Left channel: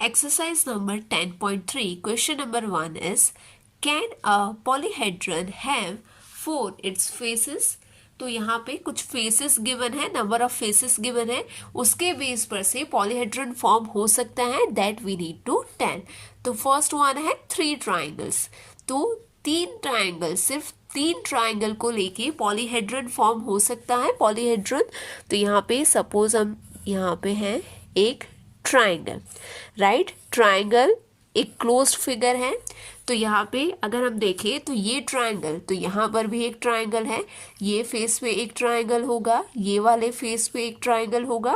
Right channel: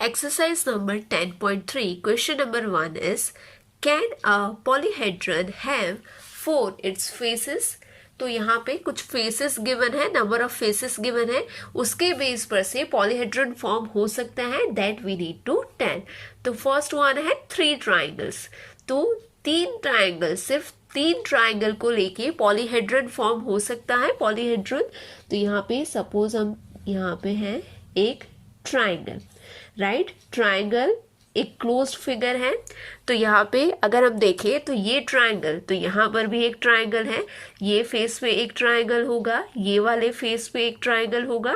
Exercise number 10.3, question number 1 is, can a polyhedron have 4 its faces? तो यहाँ पे कुछ फेसेस गिवन है, नंबर ऑफ फेसेस गिवन है, उसके बेस पर से पॉलीहेड्रन फॉर्म हो सकता है, that we need to tell. तो फर्स्ट वन है 3 ट्राइंगल्स. तो 3 ट्राइंगल, सिर्फ 3 ट्राइंगल को लेके पॉलीहेड्रन फॉर्म हो सकता है. पॉलीहेड्रन, तो यहाँ पे सपोज हम यहाँ पे है एक ट्राइंगल, राइट. ट्राइंगल एक क्लोज्ड फिगर है. तो यहाँ पे अगर हम देखें तो ये ट्राइंगल, तो यहाँ पर भी एक ट्राइंगल है, ये फेस पे एक ट्राइंगल होगा, ये वाले फेस पे एक ट्राइंगल होगा,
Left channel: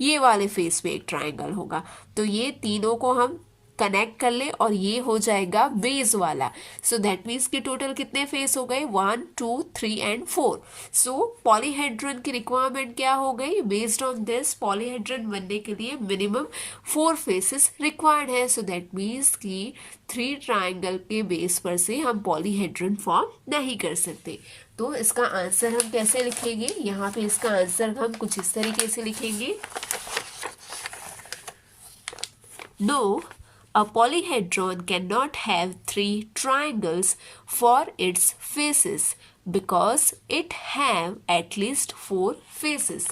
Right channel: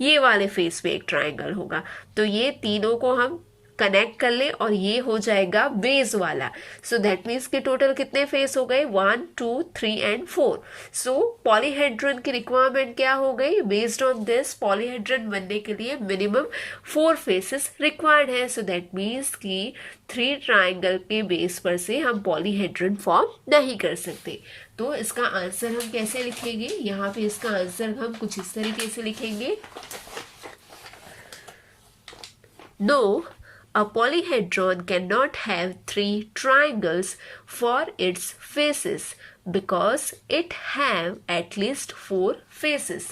ये वाले फेस पे एक ट्राइंगल होगा. तो ये तीनों को हम कनेक्ट कर ले और ये हो जाएगा बेस वाला. सो दैट मीन्स कि टोटल कितने फेस हो गए, 1 2 3 एंड 4. सो पॉलीहेड्रन की रिक्वायरमेंट क्या हो गई, बेस्ड ऑन दिस पॉलीहेड्रन बनने के लिए मिनिमम 4 फेसेस रिक्वायर्ड है. सो दैट मीन्स कि 3 ट्राइंगल के बेस पर से हम पॉलीहेड्रन फॉर्म नहीं कर सकते. तो इसका आंसर हम कैसे लिखेंगे, यहाँ पे इसका आंसर हम कुछ इस तरीके से लिखेंगे. No, a polyhedron cannot have 3 triangles for its faces because it have at least 4 faces.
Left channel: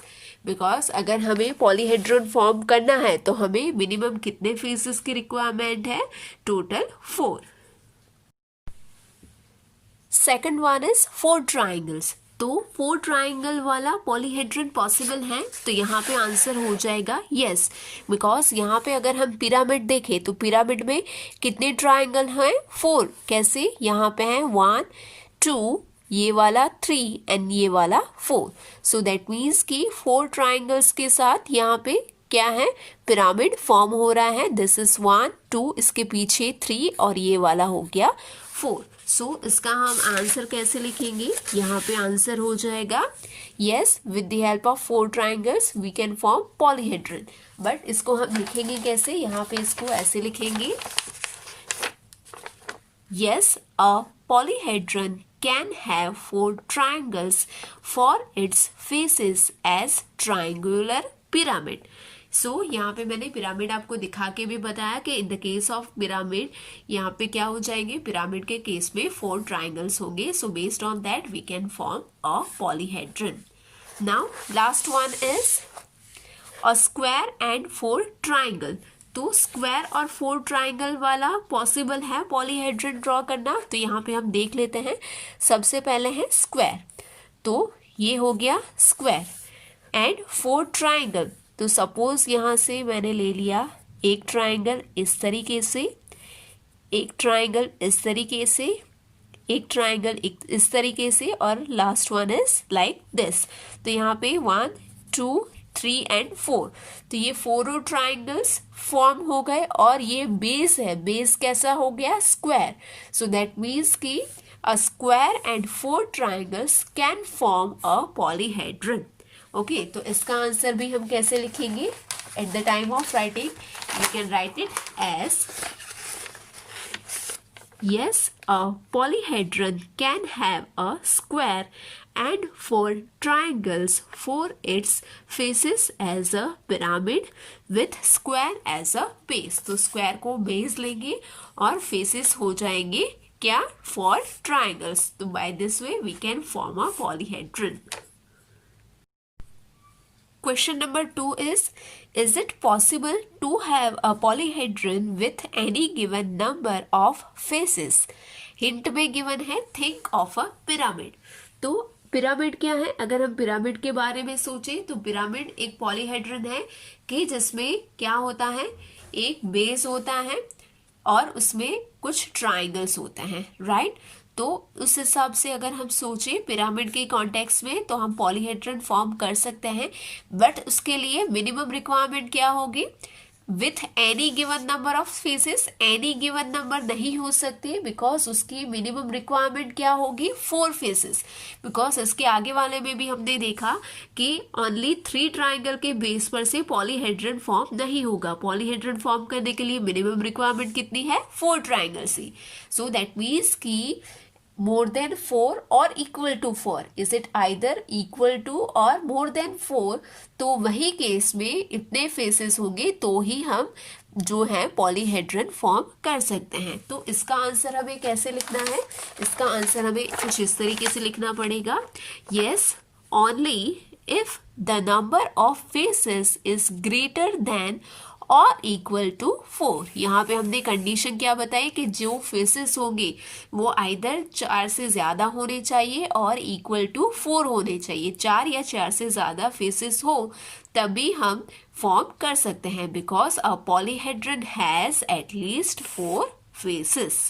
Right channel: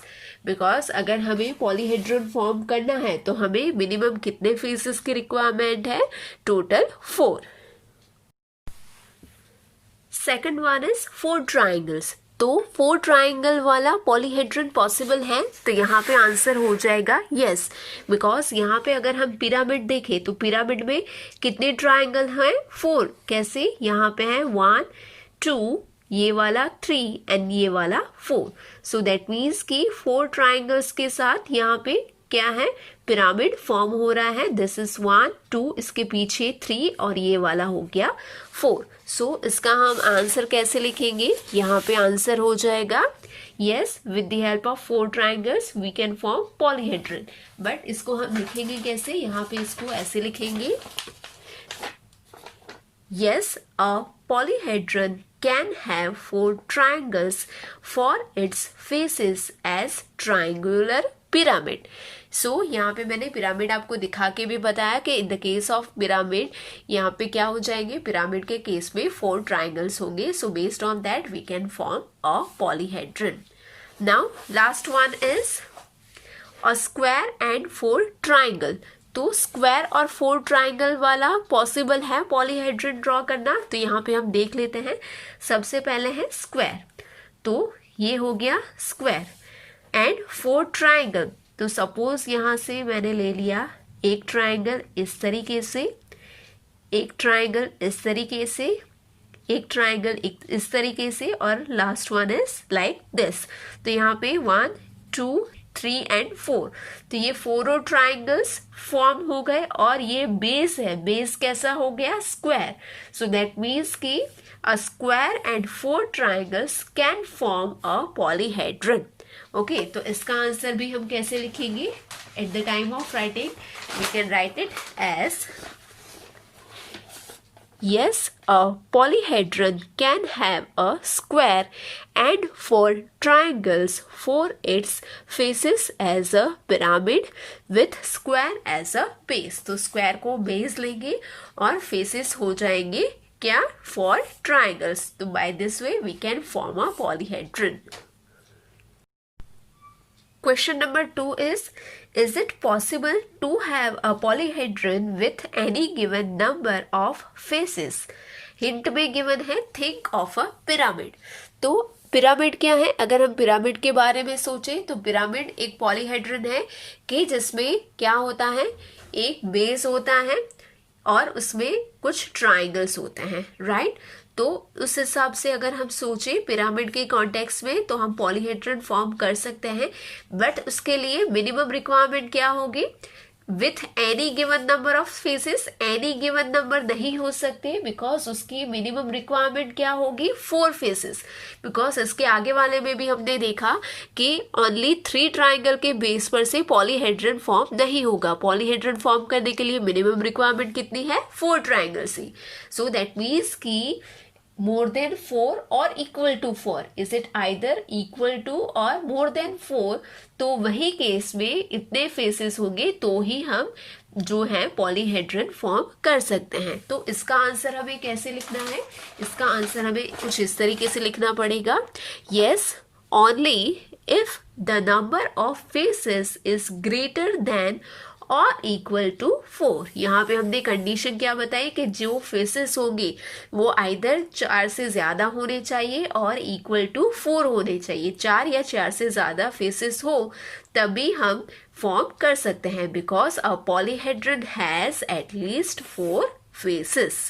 Because अगर हमें पॉलीहेड्रन फॉर्म करना है तो हमें मिनिमम कितने फेसेस की रिक्वायरमेंट है, total 4. Second one is 4 triangles. तो 4 ट्राइंगल वाला पॉलीहेड्रन पॉसिबल है. तो यहाँ पे आंसर हो जाएगा यस, बिकॉज यहाँ पे अगर हम पिरामिड देखें तो पिरामिड में कितने ट्राइंगल हैं, 4. कैसे, यहाँ पे है 1 2, ये वाला 3 एंड ये वाला 4. सो दैट मीन्स कि 4 ट्राइंगल्स के साथ यहाँ पे क्या है, पिरामिड फॉर्म हो रहा है. दिस इज 1 2, इसके पीछे 3 और ये वाला हो गया 4. सो इसका हम आंसर कैसे लिखेंगे, यहाँ पे आंसर हो जाएगा yes, with the help of 4 triangles we can form polyhedron. But इसको हम लिखेंगे कैसे, यहाँ पे इसको ऐसे लिखेंगे, yes a polyhedron can have 4 triangles for its faces as triangular pyramid. सो यहाँ पे मैंने पिरामिड आपको दिखा के भी बताया कि in the case of pyramid यहाँ पे क्या हो जाएंगे, पिरामिड के केस में 4 ट्राइंगल्स होंगे. So based on that we can form a polyhedron. Now last one is a square and 4 triangle. तो स्क्वायर और 4 ट्राइंगल वाला पॉसिबल है पॉलीहेड्रन ड्रॉ करना. तो यहाँ पे हम देख लेते हैं. सबसे पहले है स्क्वायर, तो ये हो गया स्क्वायर एंड 4 ट्राइंगल. तो सपोज यहाँ से मैंने ले लिया एक ट्राइंगल इस तरीके से, एक ट्राइंगल इस तरीके से, एक ट्राइंगल इस तरीके से, और last one is like this. तो यहाँ पे 1 2 3 एंड 4. तो ये 4 ट्राइंगल्स फॉर्म हो गए और ये बेस है. बेस कैसा हो गया, स्क्वायर. सो दैट मीन्स कि a square and 4 triangles can form a polyhedron. Okay, तो इसका आंसर भी हम कैसे लिखेंगे, at the time of writing we can write it as yes, a polyhedron can have a square and 4 triangles for its faces as a pyramid with square as a base. तो square को base लेंगे और faces हो जाएंगे क्या, 4 triangles. तो by this way we can form a polyhedron. Question number 2 is it possible to have a polyhedron with any given number of faces? Hint में given है think of a pyramid. तो pyramid क्या है, अगर हम pyramid के बारे में सोचें तो पिरामिड एक पॉलीहेड्रन है कि जिसमें क्या होता है, एक बेस होता है और उसमें कुछ ट्राइंगल्स होते हैं, राइट. तो उस हिसाब से अगर हम सोचें पिरामिड के कॉन्टेक्स्ट में तो हम पॉलीहेड्रन फॉर्म कर सकते हैं. बट उसके लिए मिनिमम रिक्वायरमेंट क्या होगी, with any given number of faces. Any given number नहीं हो सकते बिकॉज उसकी मिनिमम रिक्वायरमेंट क्या होगी, 4 फेसेस. बिकॉज इसके आगे वाले में भी हमने देखा कि ओनली 3 ट्राइंगल के बेस पर से पॉलीहेड्रन फॉर्म नहीं होगा. पॉलीहेड्रन फॉर्म करने के लिए मिनिमम रिक्वायरमेंट कितनी है, 4 triangles he. So that means कि more than 4 or equal to 4. Is it either equal to or more than 4? तो वही केस में इतने फेसेस होंगे तो ही हम जो है पॉलीहेड्रन फॉर्म कर सकते हैं। तो इसका आंसर हमें कैसे लिखना है? इसका आंसर हमें कुछ इस तरीके से लिखना पड़ेगा, yes only if the number of faces is greater than और इक्वल टू 4। यहाँ पे हमने कंडीशन क्या बताई कि जो फेसेस होंगे वो आइदर 4 से ज़्यादा होने चाहिए और इक्वल टू 4 होने चाहिए। 4 या 4 से ज़्यादा फेसेस हो तभी हम फॉर्म कर सकते हैं, because a polyhedron has at least 4 faces.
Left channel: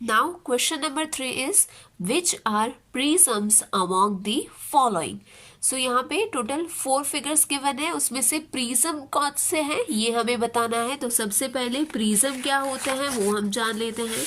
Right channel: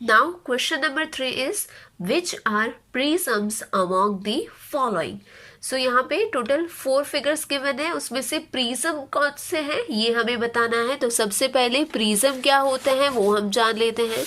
Now question number 3 is which are prisms among the following? So यहाँ पे टोटल 4 फिगर्स गिवन है, उसमें से प्रिज्म कौन से हैं ये हमें बताना है। तो सबसे पहले प्रिज्म क्या होते हैं वो हम जान लेते हैं।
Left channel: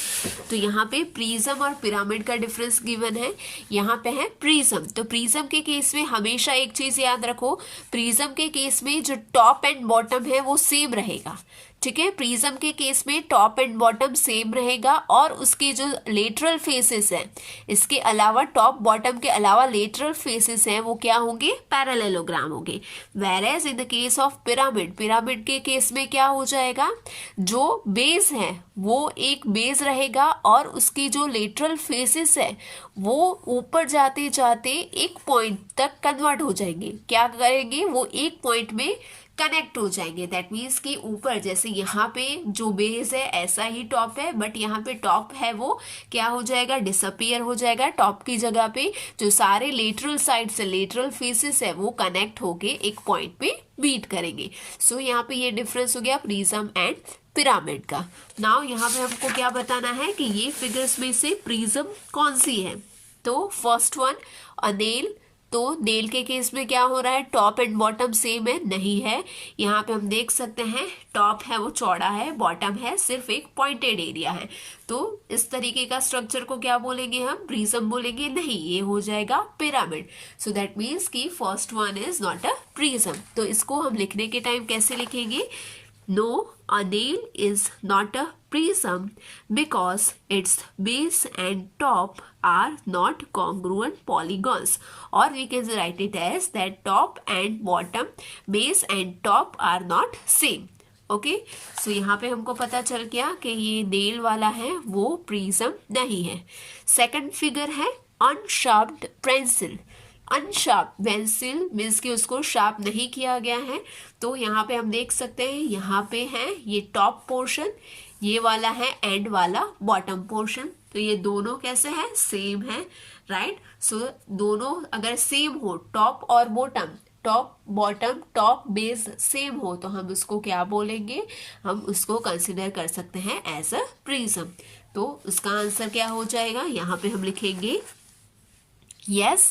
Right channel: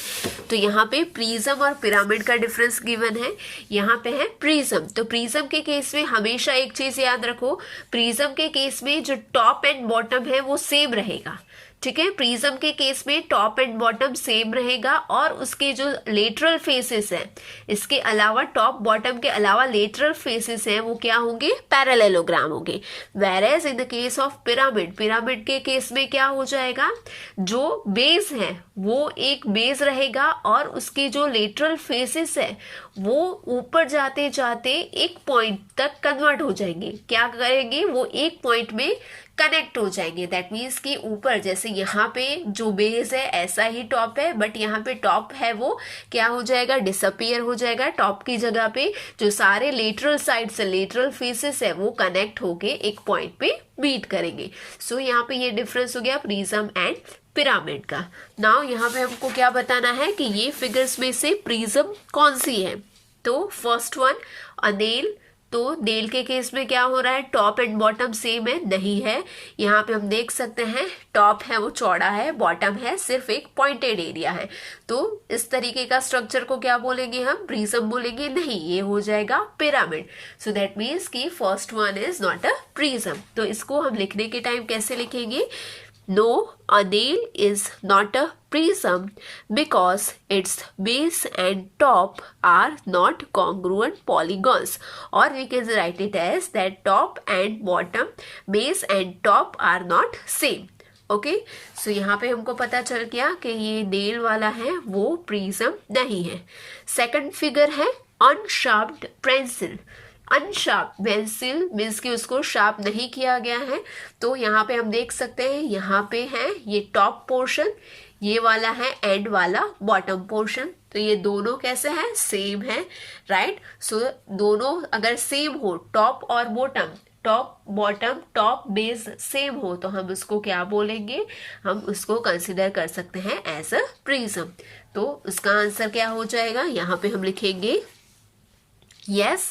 तो यहाँ पे प्रिज्म और पिरामिड का डिफरेंस गिवन है। यहाँ पे है प्रिज्म। तो प्रिज्म के केस में हमेशा एक चीज याद रखो, प्रिज्म के केस में जो टॉप एंड बॉटम है वो सेम रहेगा, ठीक है। प्रिज्म के केस में टॉप एंड बॉटम सेम रहेगा और उसके जो लेटरल फेसेस हैं, इसके अलावा टॉप बॉटम के अलावा लेटरल फेसेस हैं वो क्या होंगे? पैरेललोग्राम होंगे। Whereas in the case of pyramid, pyramid के केस में क्या हो जाएगा? जो बेस है वो एक बेस रहेगा और उसके जो लेटरल फेसेस है वो ऊपर जाते जाते एक पॉइंट तक कन्वर्ट हो जाएंगे। क्या करेंगे? वो एक पॉइंट में कनेक्ट हो जाएंगे। दैट मीन्स कि ऊपर जैसे यहाँ पे जो बेस है ऐसा ही टॉप है, बट यहाँ पे टॉप है वो क्या हो जाएगा? डिसअपियर हो जाएगा। टॉप की जगह पे जो सारे लेटरल साइड से लेटरल फेसेस है वो कनेक्ट होके एक पॉइंट पे मीट करेंगे। सो यहाँ पे ये डिफरेंस हो गया प्रिज्म एंड पिरामिड का। नाउ यहाँ पे हमको क्या बताना है कि ये फिगर्स में से प्रिज्म कौन सी है। तो फर्स्ट वन अ नेल। तो नेल के केस में क्या हो रहा है? टॉप एंड बॉटम सेम है? नहीं है। यहाँ पे हम देख सकते हैं टॉप है वो चौड़ा है, बॉटम है सिर्फ एक पॉइंटेड एरिया है। तो इस तरीके का स्ट्रक्चर को क्या बोलेंगे हम? प्रिज्म बोलेंगे? नहीं, ये हो जाएगा पिरामिड। सो दैट मीन्स कि first one is not a prism. तो इसको हम लिखने के टाइम कैसे लिखेंगे? No, a nail is not a prism because its base and top are not congruent polygons. Or we can write it as that top and bottom, base and top are not same. Okay, so यहाँ पे हमको पता चल गया कि ये nail वाला है वो प्रिज्म नहीं है। सेकंड फिगर है अनशार्प्ड पेंसिल। अनशार्प पेंसिल मीन्स कि उसको शार्प नहीं किया गया है। तो यहाँ पे हम देख सकते हैं यहाँ पे है ये टॉप पोर्शन, ये वाला है एंड वाला बॉटम पोर्शन। तो ये दोनों कैसे हैं? सेम है, राइट। सो दोनों अगर सेम हो, टॉप और bottom, top bottom top base same हो, तो हम उसको क्या बोलेंगे? हम उसको कंसिडर कर सकते हैं एज अ प्रिज्म। तो उसका आंसर क्या हो जाएगा? यहाँ पे हम लिखेंगे yes,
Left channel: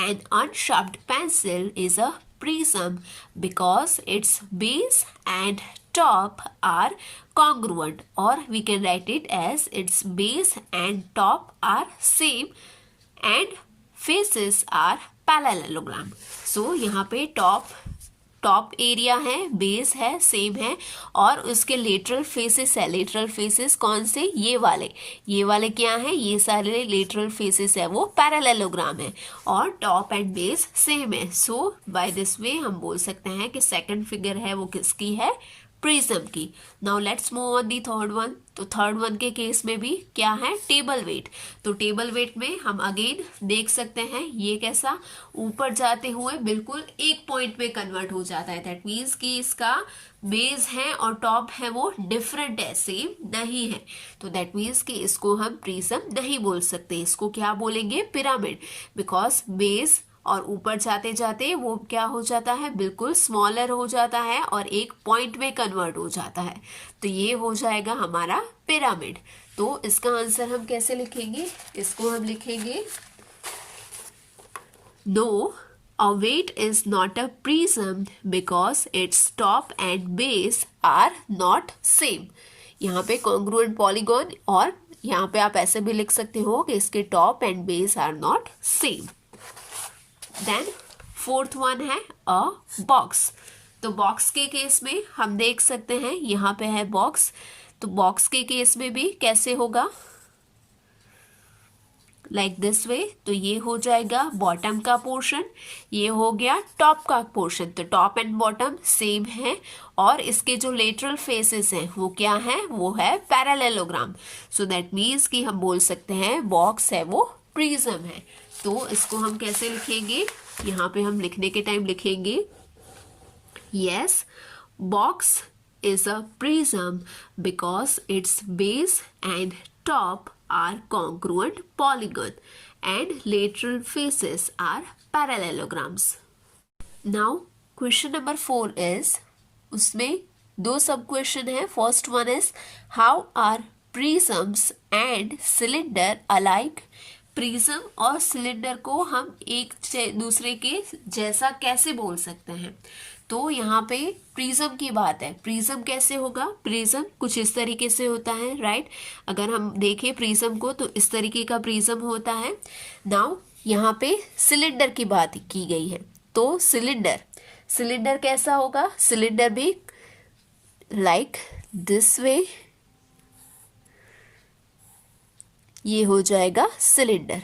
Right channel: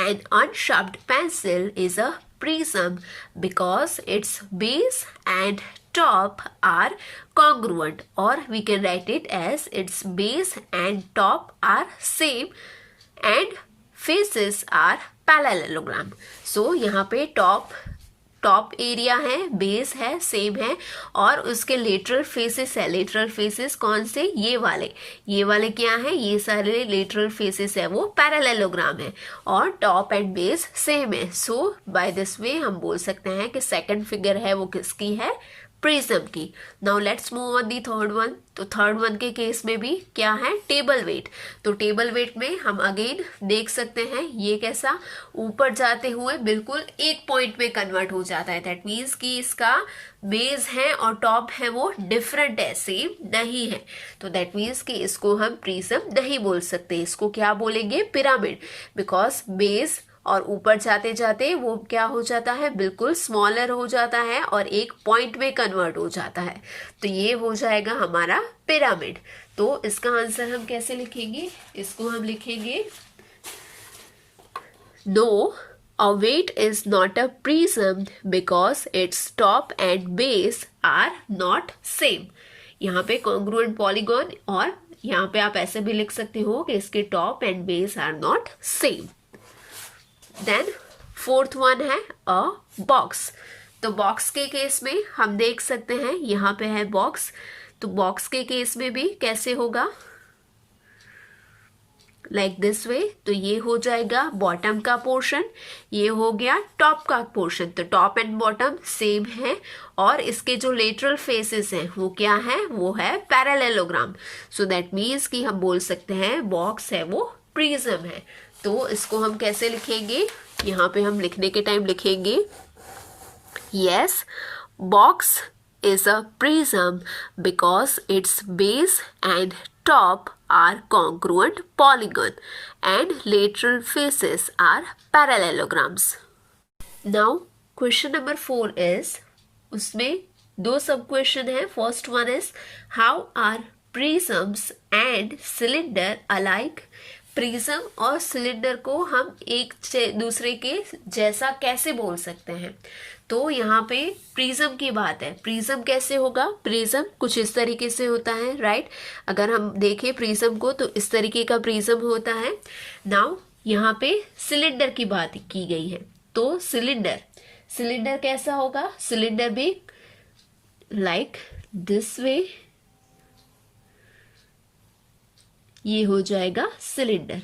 an unsharpened pencil is a prism because its base and top are congruent, or we can write it as its base and top are same and faces are parallelogram. So यहाँ पे top area है, base है, same है और उसके lateral faces है। Lateral faces कौन से? ये वाले क्या है? ये सारे लेटरल फेसेस है वो पैरेललोग्राम है और टॉप एंड बेस सेम है। सो बाय दिस वे हम बोल सकते हैं कि सेकंड फिगर है वो किसकी है? प्रिज्म की। Now let's move on the third one. तो थर्ड वन के केस में भी क्या है? Table weight. तो टेबल वेट में हम अगेन देख सकते हैं ये कैसा ऊपर जाते हुए बिल्कुल एक पॉइंट में कन्वर्ट हो जाता है। दैट मीन्स कि इसका बेस है और टॉप है वो डिफरेंट है, सेम नहीं है। तो दैट मीन्स कि इसको हम प्रिज्म नहीं बोल सकते, इसको क्या बोलेंगे? पिरामिड, बिकॉज बेस और ऊपर जाते जाते वो क्या हो जाता है? बिल्कुल स्मॉलर हो जाता है और एक पॉइंट में कन्वर्ट हो जाता है। तो ये हो जाएगा हमारा पिरामिड। तो इसका आंसर हम कैसे लिखेंगे? इसको हम लिखेंगे no, a weight is not a prism because its top and base are not same. यहाँ पे congruent polygon, और यहाँ पे आप ऐसे भी लिख सकते हो कि इसके top and base are not same. Then fourth one है अ बॉक्स। तो बॉक्स के केस में हम देख सकते हैं यहाँ पे है बॉक्स। तो बॉक्स के केस में भी कैसे होगा? लाइक दिस वे, तो ये हो जाएगा बॉटम का पोर्शन, ये हो गया टॉप का पोर्शन। तो टॉप एंड बॉटम सेम है और इसके जो लेटरल फेसेस हैं वो क्या है, वो है पैरेललोग्राम। सो दैट मीन्स कि हम बोल सकते हैं बॉक्स है वो प्रिज्म है। तो इसको हम कैसे लिखेंगे, यहाँ पे हम लिखने के टाइम लिखेंगे yes, box is a prism because its base and top are congruent polygon and lateral faces are parallelograms. Now question number 4 is, उसमें दो सब क्वेश्चन है. First one is how are prisms and cylinder alike. Prism और cylinder को हम एक दूसरे के जैसा कैसे बोल सकते हैं. तो यहाँ पे प्रिज्म की बात है. प्रिज्म कैसे होगा, प्रिज्म कुछ इस तरीके से होता है, राइट. अगर हम देखें प्रिज्म को तो इस तरीके का प्रिज्म होता है. नाउ यहाँ पे सिलेंडर की बात की गई है. तो सिलेंडर कैसा होगा, सिलेंडर भी लाइक दिस वे, ये हो जाएगा सिलेंडर.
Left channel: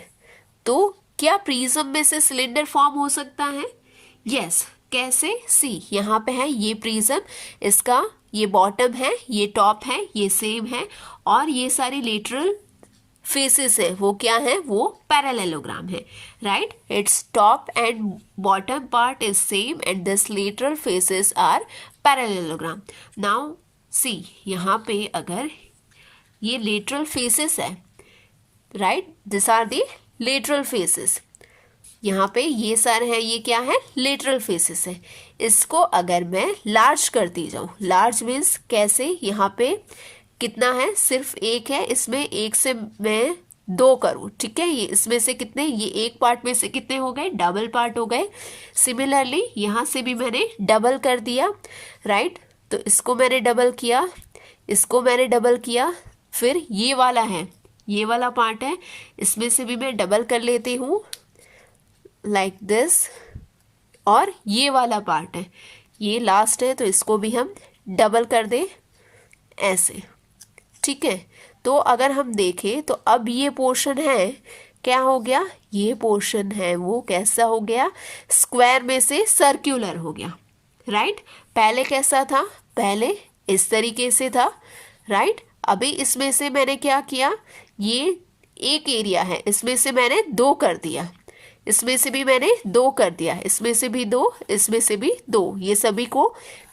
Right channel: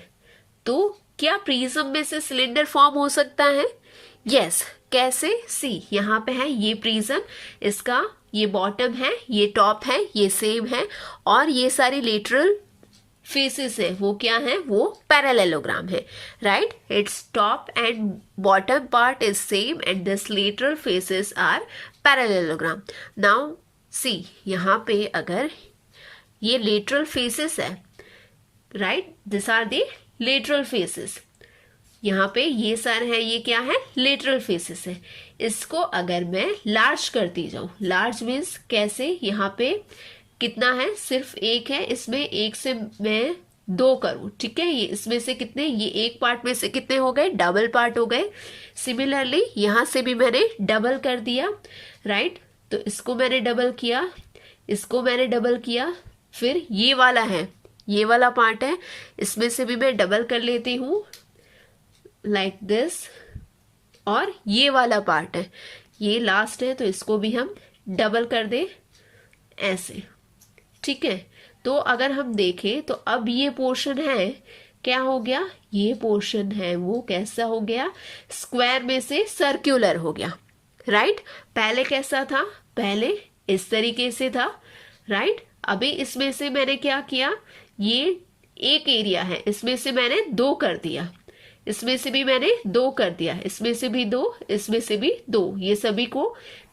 तो क्या प्रिज्म में से सिलेंडर फॉर्म हो सकता है? यस. कैसे, सी यहाँ पे है ये प्रिज्म, इसका ये बॉटम है, ये टॉप है, ये सेम है और ये सारी लेटरल फेसेस है वो क्या है, वो पैरेललोग्राम है, right. Its top and bottom part is same and this lateral faces are parallelogram. Now see यहाँ पे अगर ये लेटरल फेसेस है, right, this are the lateral faces. यहाँ पे ये सारे है, ये क्या है, लेटरल फेसेस है. इसको अगर मैं लार्ज करती जाऊं, लार्ज मीन्स कैसे, यहाँ पे कितना है, सिर्फ एक है, इसमें एक से मैं दो करूं, ठीक है. ये इसमें से कितने, ये एक पार्ट में से कितने हो गए, डबल पार्ट हो गए. सिमिलरली यहाँ से भी मैंने डबल कर दिया, राइट. तो इसको मैंने डबल किया, इसको मैंने डबल किया, फिर ये वाला है, ये वाला पार्ट है, इसमें से भी मैं डबल कर लेती हूँ लाइक दिस. और ये वाला पार्ट है, ये लास्ट है, तो इसको भी हम डबल कर दें ऐसे, ठीक है. तो अगर हम देखें तो अब ये पोर्शन है, क्या हो गया, ये पोर्शन है वो कैसा हो गया, स्क्वायर में से सर्कुलर हो गया, राइट. पहले कैसा था, पहले इस तरीके से था, राइट. अभी इसमें से मैंने क्या किया, ये एक एरिया है, इसमें से मैंने दो कर दिया, इसमें से भी मैंने दो कर दिया, इसमें से भी दो, इसमें से भी दो, ये सभी को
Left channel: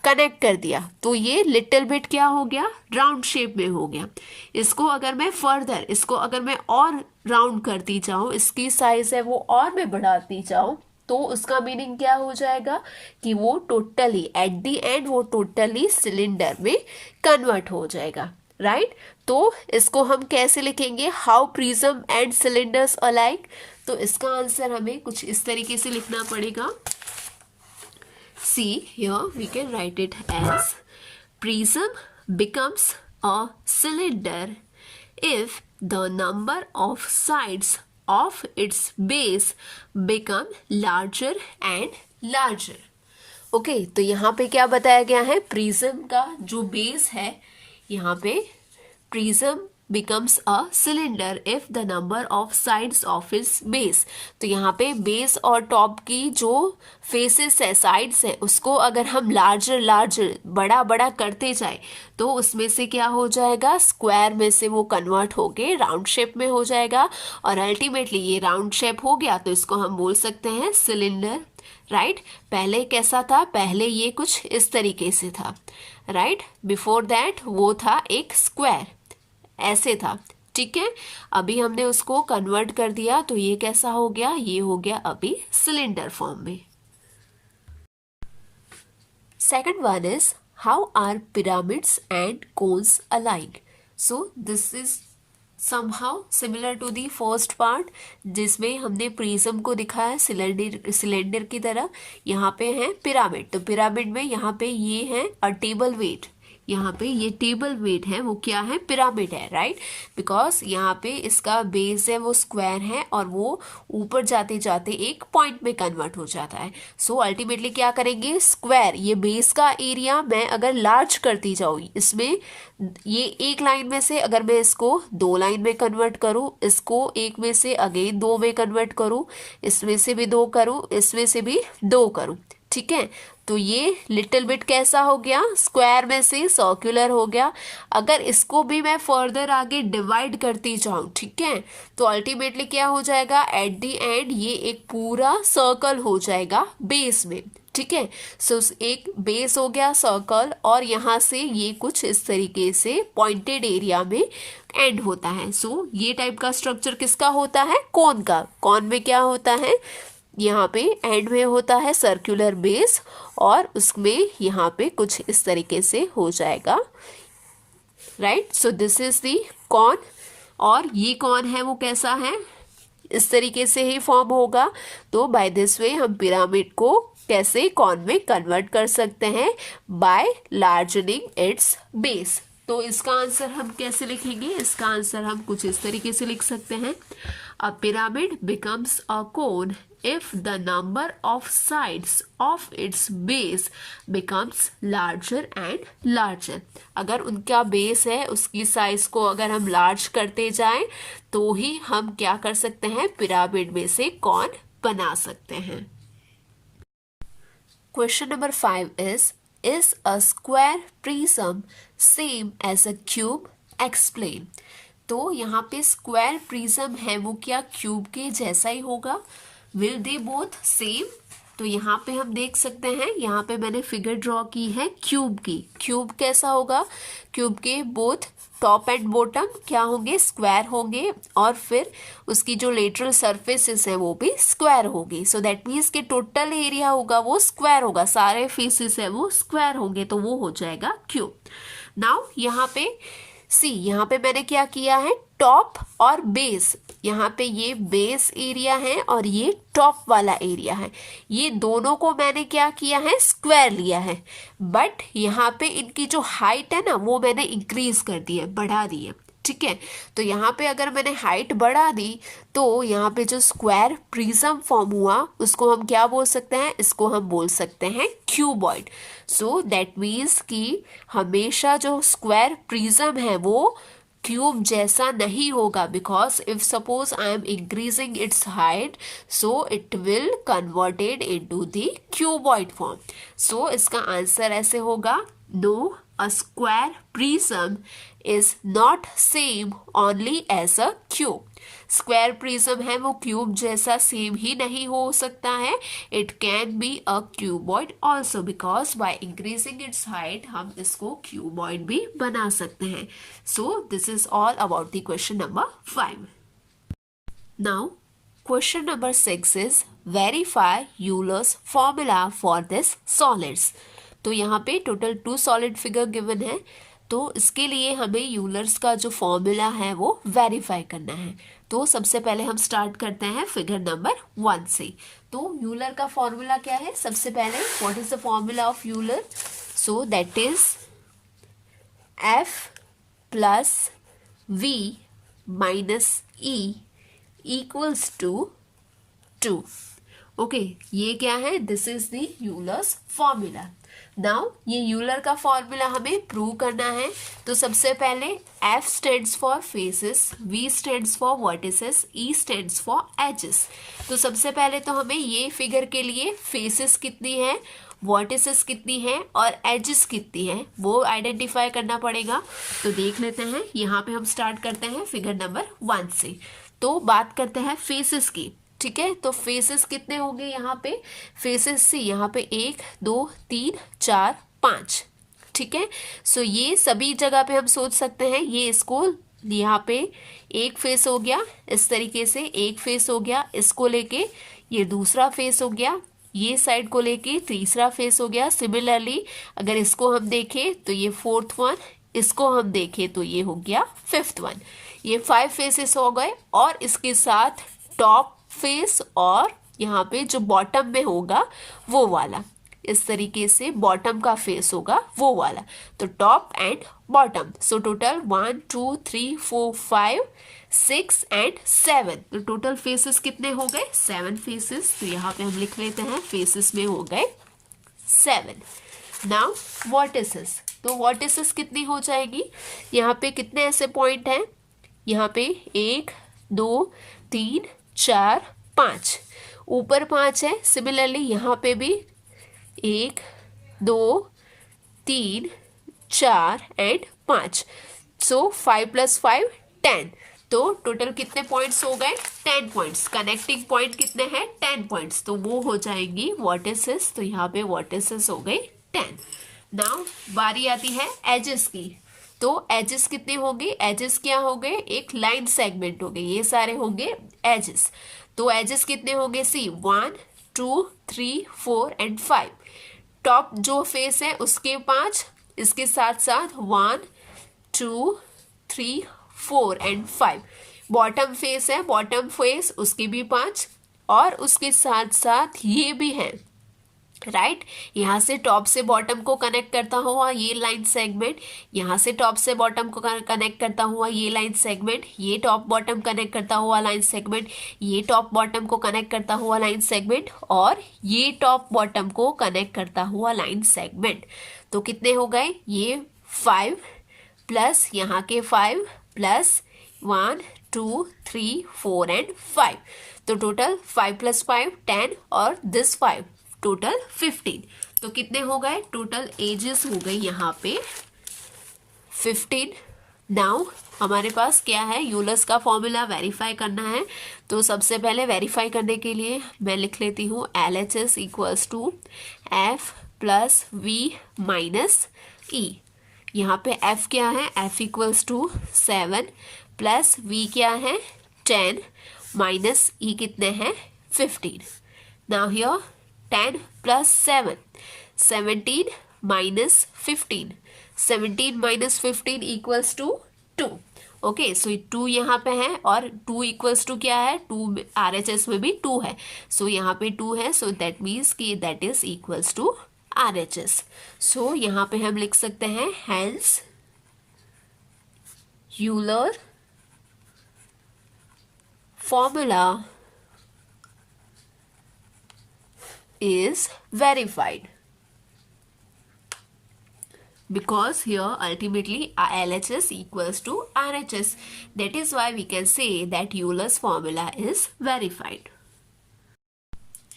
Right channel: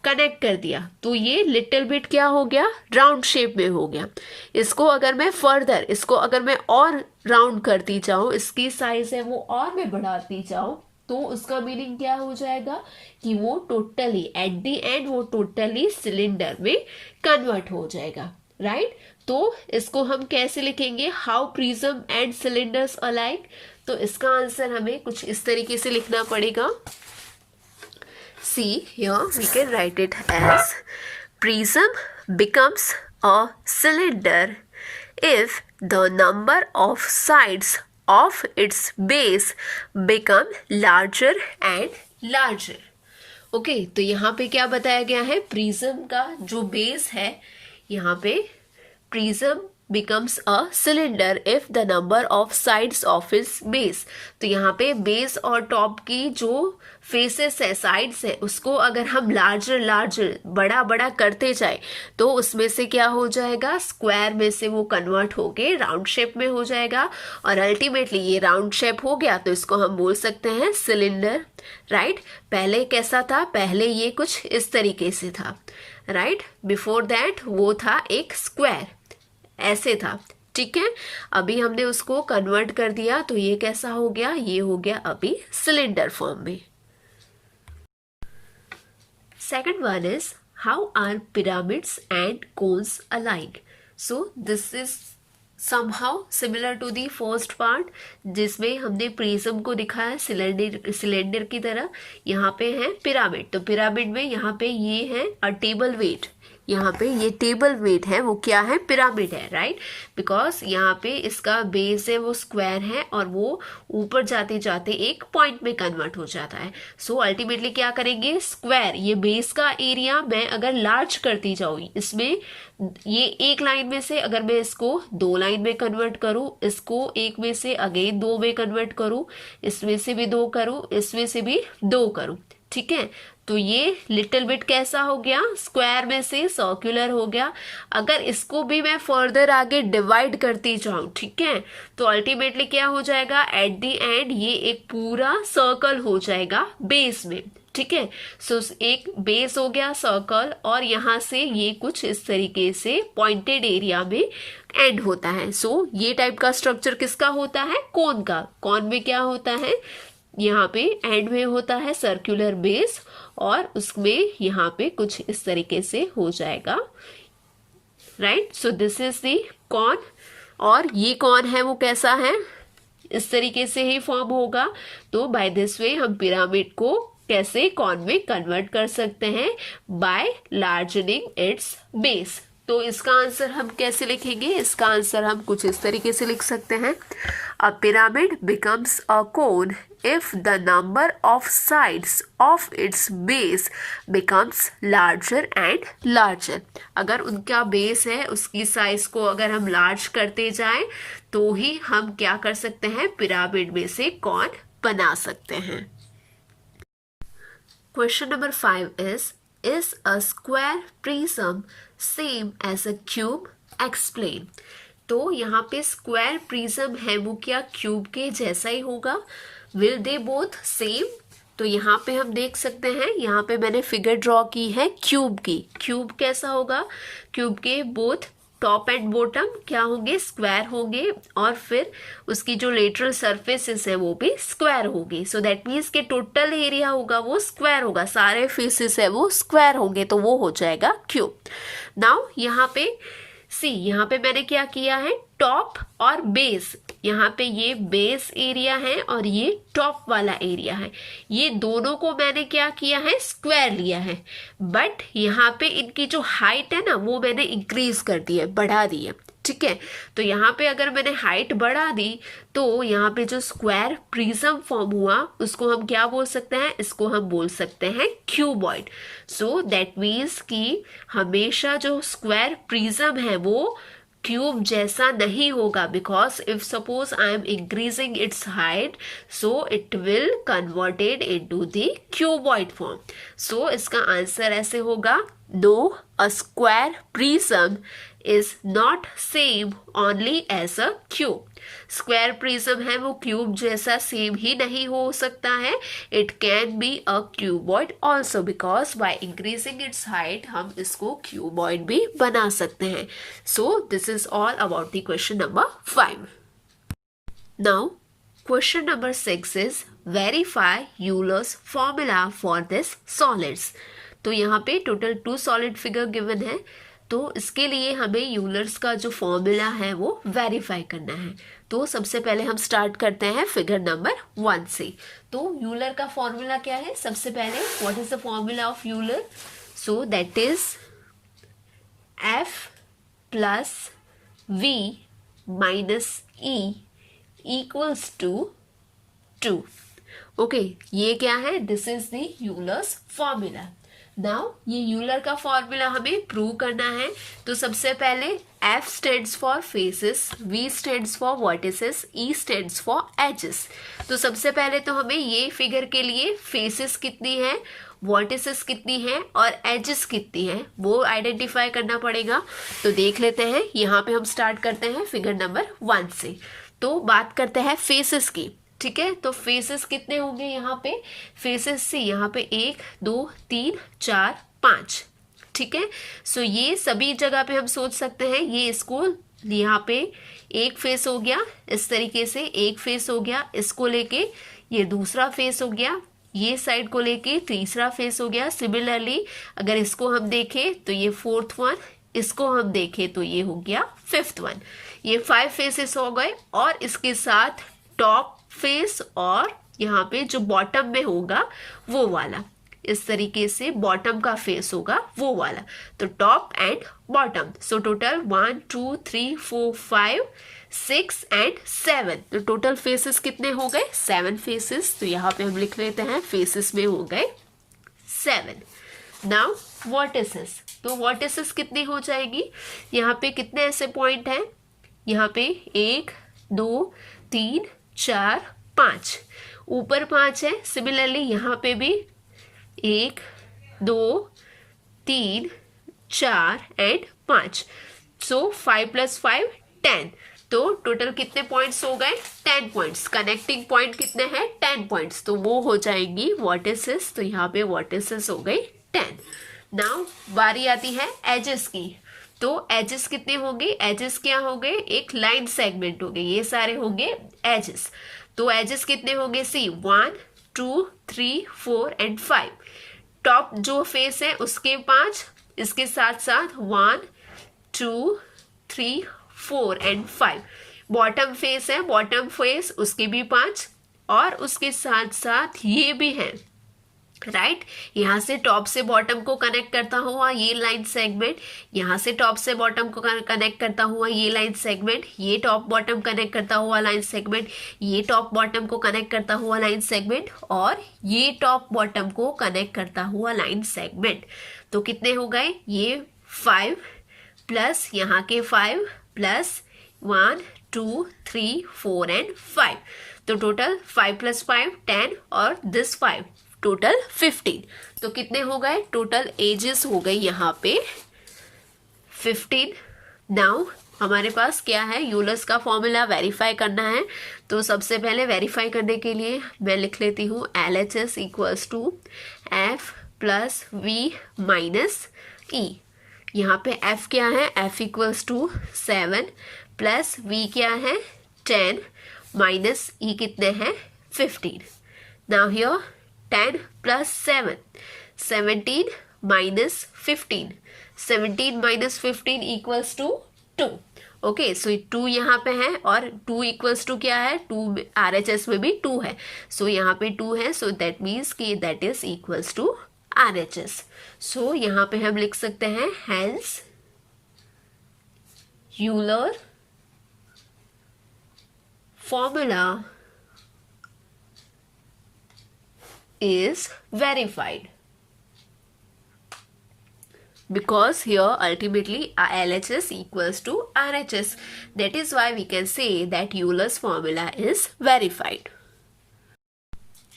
कनेक्ट कर दिया. तो ये लिटिल बिट क्या हो गया, राउंड शेप में हो गया. इसको अगर मैं फर्दर, इसको अगर मैं और राउंड करती जाऊं, इसकी साइज है वो और मैं बढ़ाती जाऊं, तो उसका मीनिंग क्या हो जाएगा कि वो टोटली एट द एंड वो टोटली सिलेंडर में कन्वर्ट हो जाएगा, राइट. तो इसको हम कैसे लिखेंगे, how prism and cylinders alike. तो इसका आंसर हमें कुछ इस तरीके से लिखना पड़ेगा. See here we can write it as prism becomes a cylinder if the number of sides of its base become larger and larger. Okay, तो यहाँ पे क्या बताया गया है, प्रिज्म का जो बेस है, यहाँ पे prism becomes a cylinder if the number of sides of its base. तो यहाँ पे बेस और टॉप की जो फेसेस है, साइड्स है, उसको अगर हम लार्जर बड़ा बड़ा करते जाए तो उसमें से क्या हो जाएगा, स्क्वायर में से वो कन्वर्ट होके राउंड शेप में हो जाएगा. और अल्टीमेटली ये राउंड शेप हो गया तो इसको हम बोल सकते हैं सिलेंडर, राइट. पहले कैसा था, पहले ये कुछ इस तरीके से था, राइट. बिफोर दैट वो था एक स्क्वायर, ऐसे था, ठीक है. अभी हमने उसको कन्वर्ट कर दिया तो ये कैसा हो गया, ये हो गया अभी सिलेंडर फॉर्म में. Second one is how are pyramids and cones alike. So this is somehow similar to the first part जिसमें हमने प्रिज्म को दिखाया सिलेंडर की तरह. यहाँ पे है पिरामिड, तो पिरामिड में यहाँ पे ये है अ टेबल वेट, यहाँ पे ये टेबल मेड है वो क्या है, पिरामिड है, राइट। बिकॉज यहाँ पे इसका बेस है वो स्क्वायर है और वो ऊपर जाते जाते एक पॉइंट में कन्वर्ट हो जाता है। सो अल्टीमेटली क्या करेंगे, स्क्वायर ये बेस का एरिया मैं अगर लार्ज करती जाऊँ, इसमें ये एक लाइन में से अगर मैं इसको 2 लाइन में कन्वर्ट करूं, इसको एक में से अगेन 2 में कन्वर्ट करूं, इसमें से भी 2 करूं, इसमें से भी 2 करूं, ठीक है। तो ये लिटिल बिट कैसा हो गया, स्क्वायर में से सर्कुलर हो गया। अगर इसको भी मैं फर्दर आगे डिवाइड करती जाऊं, ठीक है, तो अल्टीमेटली क्या हो जाएगा, एट द एंड ये एक पूरा सर्कल हो जाएगा बेस में, ठीक है। सो एक बेस हो गया सर्कल और यहाँ से ये कुछ इस तरीके से पॉइंटेड एरिया में एंड होता है। सो ये टाइप का स्ट्रक्चर किसका होता है, कोन का। कोन में क्या होता है, यहाँ पे एंड में होता है सर्कुलर बेस और उसमें यहाँ पे कुछ इस तरीके से हो जाएगा, right. So this is the cone. और ये कॉन है वो कैसा है, इस तरीके से ही फॉर्म होगा। तो बाय दिस वे हम पिरामिड को कैसे कॉन में कन्वर्ट कर सकते हैं, बाय लार्जनिंग इट्स बेस। तो इसका आंसर हम कैसे लिखेंगे, इसका आंसर हम कुछ इस तरीके से लिख सकते हैं, a pyramid becomes a cone if the number of sides of its base becomes larger and larger। अगर उनका बेस है उसकी साइज को अगर हम लार्ज करते जाएं तो ही हम क्या कर सकते हैं, पिरामिड में से कॉन बना सकते हैं। Question number 5 is a square prism same as a cube? Explain। तो यहाँ पे स्क्वायर प्रिज्म है वो क्या क्यूब के जैसा ही होगा, विल दे बोथ सेम। तो यहाँ पे हम देख सकते हैं, यहाँ पे मैंने फिगर ड्रॉ की है क्यूब की। क्यूब कैसा होगा, क्यूब के बोथ टॉप एंड बॉटम क्या होंगे, स्क्वायर होंगे और फिर उसकी जो लेटरल सरफेसेस है वो भी स्क्वायर होगी। सो दैट मीन्स के टोटल एरिया होगा वो स्क्वायर होगा, सारे फेसेस है वो स्क्वायर होंगे, तो वो हो जाएगा क्यूब। नाउ यहाँ पे सी, यहाँ पे मैंने क्या किया है, टॉप और बेस, यहाँ पे ये बेस एरिया है और ये टॉप वाला एरिया है, ये दोनों को मैंने क्या किया है, स्क्वायर लिया है। बट यहाँ पे इनकी जो हाइट है ना वो मैंने इंक्रीज कर दी है, बढ़ा दी है, ठीक है। तो यहाँ पे अगर मैंने हाइट बढ़ा दी तो यहाँ पे जो स्क्वायर प्रिज्म फॉर्म हुआ उसको हम क्या बोल सकते हैं, इसको हम बोल सकते हैं क्यूबॉइड। सो दैट मीन्स कि हमेशा जो स्क्वायर प्रिज्म है वो क्यूब जैसा नहीं होगा, because if suppose I am increasing its height so it will converted into the cuboid form. So इसका आंसर ऐसे होगा, no, a square prism is not same only as a cube. Square prism है वो cube जैसा same ही नहीं हो सकता है, it can be a cuboid also, because by increasing its height हम इसको क्यूबॉइड भी बना सकते हैं। सो this is all about the question number 5। Now question number 6 is verify Euler's formula for this solids. तो यहाँ पे टोटल 2 सॉलिड फिगर गिवन है, तो इसके लिए हमें यूलर्स का जो फॉर्मूला है वो वेरीफाई करना है। तो सबसे पहले हम स्टार्ट करते हैं फिगर नंबर 1 से। तो यूलर का फॉर्मूला क्या है, सबसे पहले what is the formula of Euler, so that is F plus V minus E equals to 2। Okay, ये क्या है, this is the Euler's formula. Now ये यूलर का फॉर्मूला हमें प्रूव करना है। तो सबसे पहले F stands for faces, V stands for vertices, E stands for edges. तो सबसे पहले तो हमें ये फिगर के लिए फेसेस कितनी है, वर्टिसेस कितनी है और एजेस कितनी है वो आइडेंटिफाई करना पड़ेगा। तो देख लेते हैं, यहाँ पे हम स्टार्ट करते हैं फिगर नंबर 1 से। तो बात करते हैं फेसेस की, ठीक है। तो फेसेस कितने होंगे, यहाँ पे फेसेस से यहाँ पे 1 2 3 4 5, ठीक है। सो ये सभी जगह पे हम सोच सकते हैं, ये इसको यहाँ पे एक फेस हो गया, इस तरीके से एक फेस हो गया, इसको लेके ये दूसरा फेस हो गया, ये साइड को लेके तीसरा फेस हो गया। सिमिलरली अगर इसको हम देखें तो ये 4th वन, इसको हम देखें तो ये हो गया 5th वन। ये 5 फेसेस हो गए और इसके साथ टॉप फेस और यहाँ पे जो बॉटम में होगा वो वाला, इस तरीके से बॉटम का फेस होगा वो वाला, तो top and bottom. So total 1 2 3 4 5 6 and 7, तो टोटल फेसेस कितने हो गए? 7 फेसेस। तो यहाँ पे हम लिख लेते हैं फेसेस में हो गए 7। नाउ वर्टिसेस, तो वर्टिसेस कितनी हो जाएगी? यहाँ पे कितने ऐसे पॉइंट हैं? यहाँ पे 1 2 3 4 5, ऊपर 5 है। सिमिलरली यहाँ पे भी 1 2 3 4 एंड 5, सो 5 + 5 10। तो टोटल कितने पॉइंट्स हो गए? 10 पॉइंट्स। कनेक्टिंग पॉइंट कितने हैं? 10 पॉइंट्स, तो वो हो जाएंगी वर्टिसेस। तो यहाँ पे वर्टिसेस हो गई 10। नाउ बारी आती है एजेस की। तो एजेस कितनी होगी? एजेस क्या हो गए? एक लाइन सेगमेंट हो गए, ये सारे होंगे एजेस। तो एजेस कितने होंगे? सी 1 2 3 4 एंड 5। टॉप जो फेस है उसके 5, इसके साथ साथ 1 2 3 4 एंड 5। बॉटम फेस है, बॉटम फेस उसके भी 5, और उसके साथ साथ ये भी है, राइट। यहाँ से टॉप से बॉटम को कनेक्ट करता हुआ ये लाइन सेगमेंट, यहाँ से टॉप से बॉटम को कनेक्ट करता हुआ ये लाइन सेगमेंट, ये टॉप बॉटम कनेक्ट करता हुआ लाइन सेगमेंट, ये टॉप बॉटम को कनेक्ट करता हुआ लाइन सेगमेंट, और ये टॉप बॉटम को कनेक्ट करता हुआ लाइन सेगमेंट। तो कितने हो गए? ये 5 प्लस यहाँ के 5 प्लस 1 2 3 4 एंड 5। तो टोटल 5 + 5 10, और दिस 5, टोटल 15। तो कितने हो गए? टोटल एजेस हो गई यहाँ पे 15। नाउ हमारे पास क्या है? यूलर्स का फॉर्मूला वेरीफाई करना है। तो सबसे पहले वेरीफाई करने के लिए मैं लिख लेती हूँ LHS = F + V - E। यहाँ पे F क्या है? F = 7 प्लस V क्या है? 10 माइनस E कितने हैं? 15। Now here 10 + 7, 17 - 15, 17 - 15 = 2। ओके, सो 2 यहाँ पे है, और 2 = क्या है? 2 RHS में भी 2 है, सो यहाँ पे 2 है, सो दैट मीन्स कि that is equals to RHS। So यहाँ पे हम लिख सकते हैं hence Euler formula is verified, because here ultimately LHS = RHS. That is why we can say that Euler's formula is verified.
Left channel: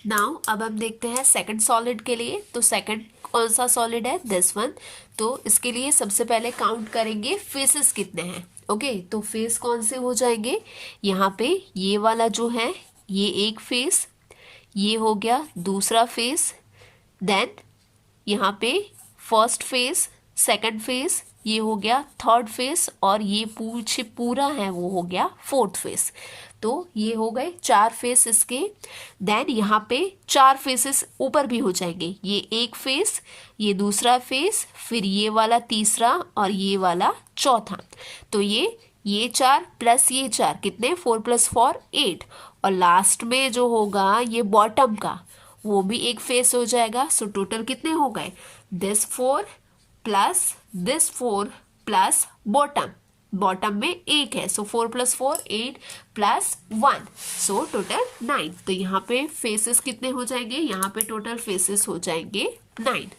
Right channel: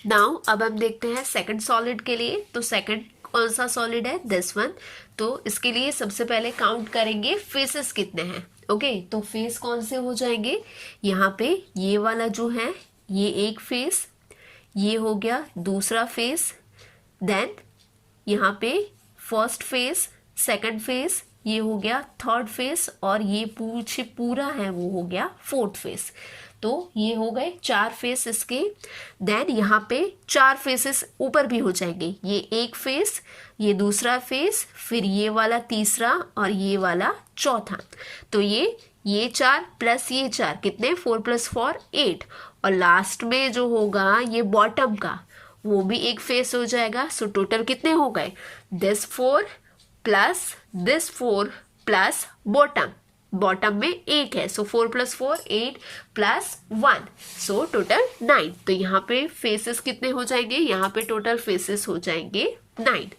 Now अब हम देखते हैं सेकंड सॉलिड के लिए। तो सेकंड कौन सा सॉलिड है? This one. तो इसके लिए सबसे पहले काउंट करेंगे फेसेस कितने हैं। ओके, तो फेस कौन से हो जाएंगे? यहाँ पे ये वाला जो है ये एक फेस, ये हो गया दूसरा फेस, देन यहाँ पे फर्स्ट फेस, सेकंड फेस, ये हो गया थर्ड फेस, और ये पूरा है वो हो गया फोर्थ फेस। तो ये हो गए 4 फेस इसके। देन यहाँ पे 4 फेसेस ऊपर भी हो जाएंगे, ये एक फेस, ये दूसरा फेस, फिर ये वाला तीसरा, और ये वाला चौथा। तो ये 4 प्लस ये 4 कितने? 4 + 4 8, और लास्ट में जो होगा ये बॉटम का, वो भी एक फेस हो जाएगा। सो टोटल कितने हो गए? This 4 plus this 4 plus bottom में एक है, सो 4 + 4 8 प्लस 1, सो टोटल 9। तो यहाँ पे फेसेस कितने हो जाएंगे? यहाँ पे टोटल फेसेस हो जाएंगे 9।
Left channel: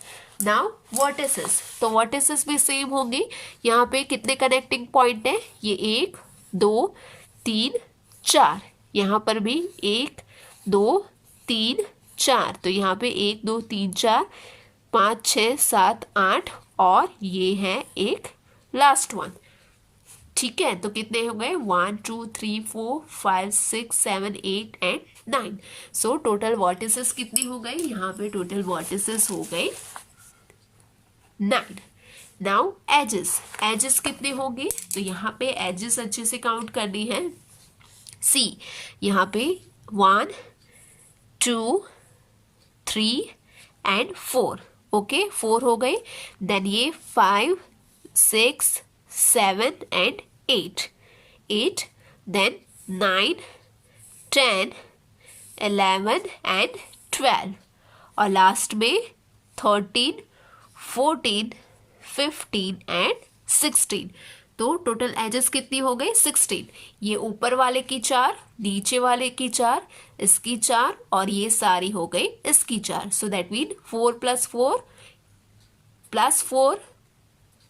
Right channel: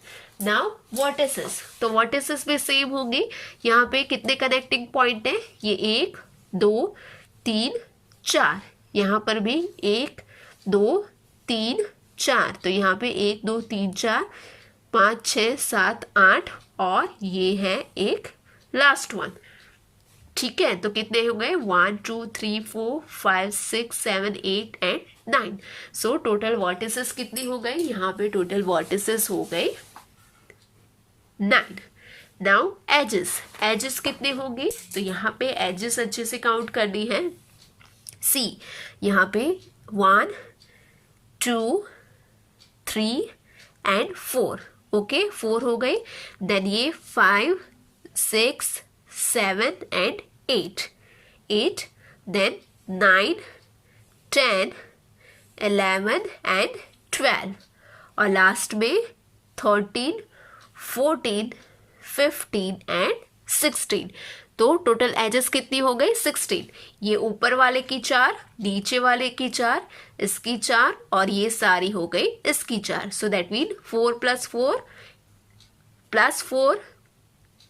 नाउ वर्टिसेस, तो वर्टिसेस भी सेम होंगे। यहाँ पे कितने कनेक्टिंग पॉइंट है? ये 1 2 3 4, यहाँ पर भी 1 2 3 4, तो यहाँ पे 1 2 3 4 5 6 7 8, और ये है एक लास्ट वन। ठीक है, तो कितने हो गए? 1 2 3 4 5 6 7 8 एंड 9। सो टोटल वर्टिसेस कितनी हो गई? यहाँ पे टोटल वर्टिसेस हो गए 9। नाउ एजेस कितने होंगे? तो यहाँ पे एजेस अच्छे से काउंट करनी है। सी यहाँ पे 1 2 3 एंड 4, ओके 4 हो गए। देन ये 5 6 7 एंड 8, देन 9 10 11 एंड 12, और लास्ट में 13, 14, 15 एंड 16। तो टोटल एजेस कितनी हो गई? 16। ये ऊपर वाले की 4, नीचे वाले की 4, इसकी 4 और ये सारी हो गई इसकी 4। सो दैट मीन 4 + 4 + 4